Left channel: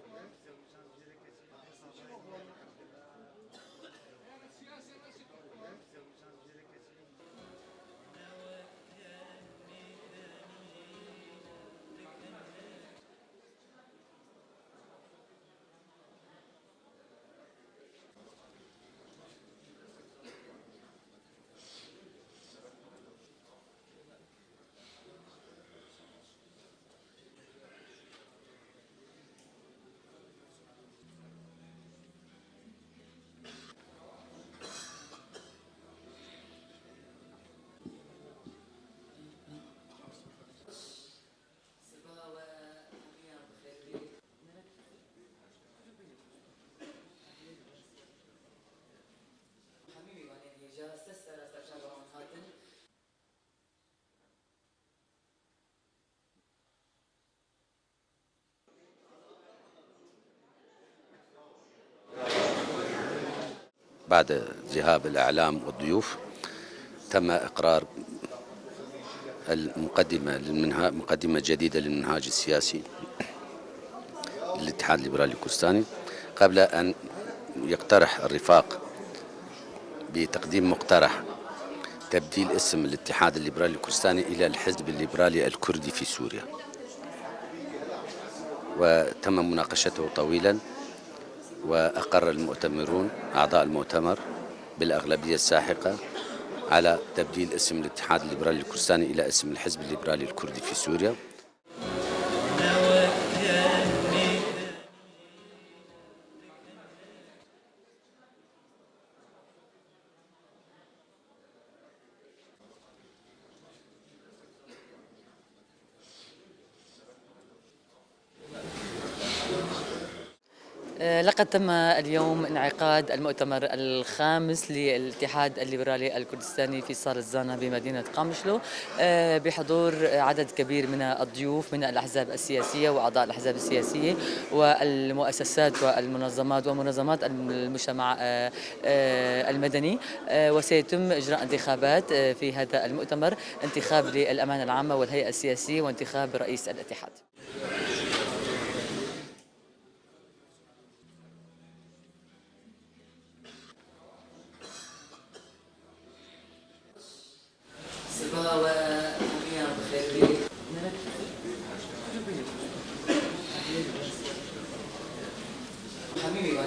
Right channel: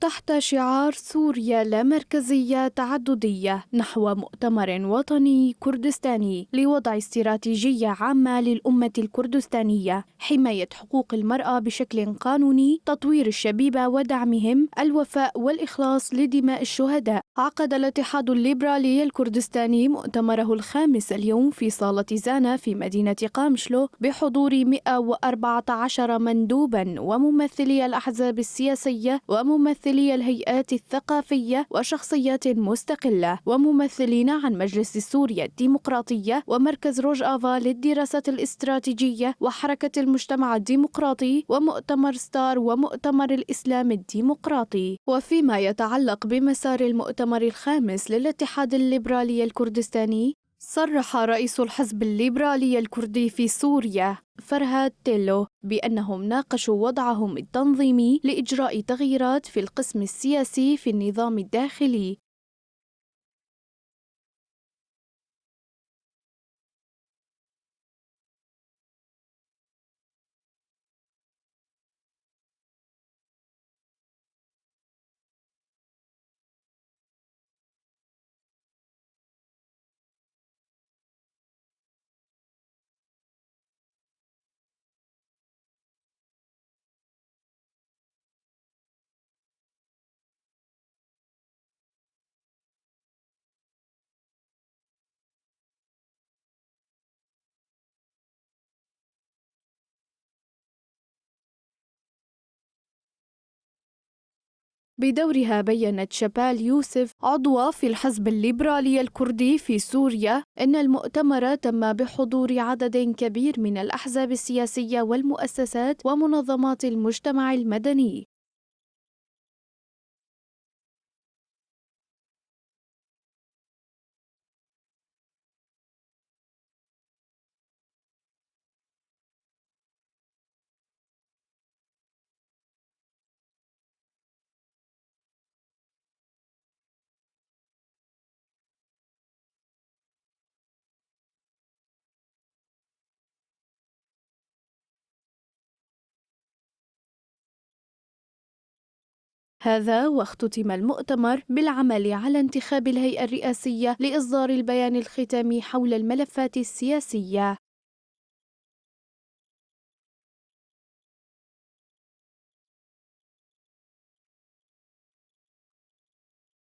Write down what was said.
تحت شعار سوريا لا مركزية تعددية نحو مؤتمر وطني كردستاني لوضع استراتيجية عامة للأمة الكردستانية، حماية حقوق المرأة بشكل قانوني، تطوير الشبيبة ودعمهم، الوفاء والإخلاص لدماء الشهداء. عقد الاتحاد الليبرالي الكردستاني مؤتمره الخامس اليوم في صالة زانا في مدينة قامشلو بحضور 114 مندوبا وممثلي الأحزاب السياسية وممثلي الهيئات الثقافية وشخصيات مستقلة وممثلين عن مجلس سوريا الديمقراطية ومركز روجافا للدراسات الاستراتيجية وحركة المجتمع الديمقراطي ومؤتمر ستار ومؤتمر الإسلام الديمقراطي. وفيما يتعلق بمسار المؤتمر الخامس للاتحاد الليبرالي الكردستاني، صرح رئيس الحزب الليبرالي الكردي في سوريا فرهاد تيلو بأنهم ناقشوا وضعهم التنظيمي لإجراء تغييرات في القسم السياسي في النظام الداخلي. بعد ذهاب الإعلام والضيوف تم إقرار مقدمة جديدة للمنهاج السياسي للاتحاد الليبرالي الكردستاني، قبل أن يقترح الرفاق بتقديم مقترح تبديل اسم الاتحاد الليبرالي الكردستاني إلى الحزب الليبرالي الكردي في سوريا. وتم مناقشته طويلا، وأقر المؤتمرون أعضاء المؤتمر بالأغلبية الساحقة على تبديل اسم الاتحاد الليبرالي الكردستاني إلى اسم الحزب الليبرالي الكردي في سوريا. بدورها بيّنت شبال يوسف عضوة في الحزب الليبرالي الكردي في سوريا أن المؤتمر تم بحضور عدد كبير من الأحزاب السياسية والمؤسسات ومنظمات المجتمع المدني. لقد تم اليوم انعقاد المؤتمر الخامس للاتحاد الليبرالي الكردستاني في صالة زانا بمدينة قامشلو بحضور عدد كبير من الضيوف من الأحزاب السياسية وأعضاء الأحزاب السياسية والمؤسسات والمنظمات ومنظمات المجتمع المدني. وسيتم إجراء انتخابات في هذا المؤتمر، انتخاب للأمانة العامة والهيئة السياسية وانتخاب رئيس الاتحاد. هذا واختتم المؤتمر بالعمل على انتخاب الهيئة الرئاسية لإصدار البيان الختامي حول الملفات السياسية. حبيبي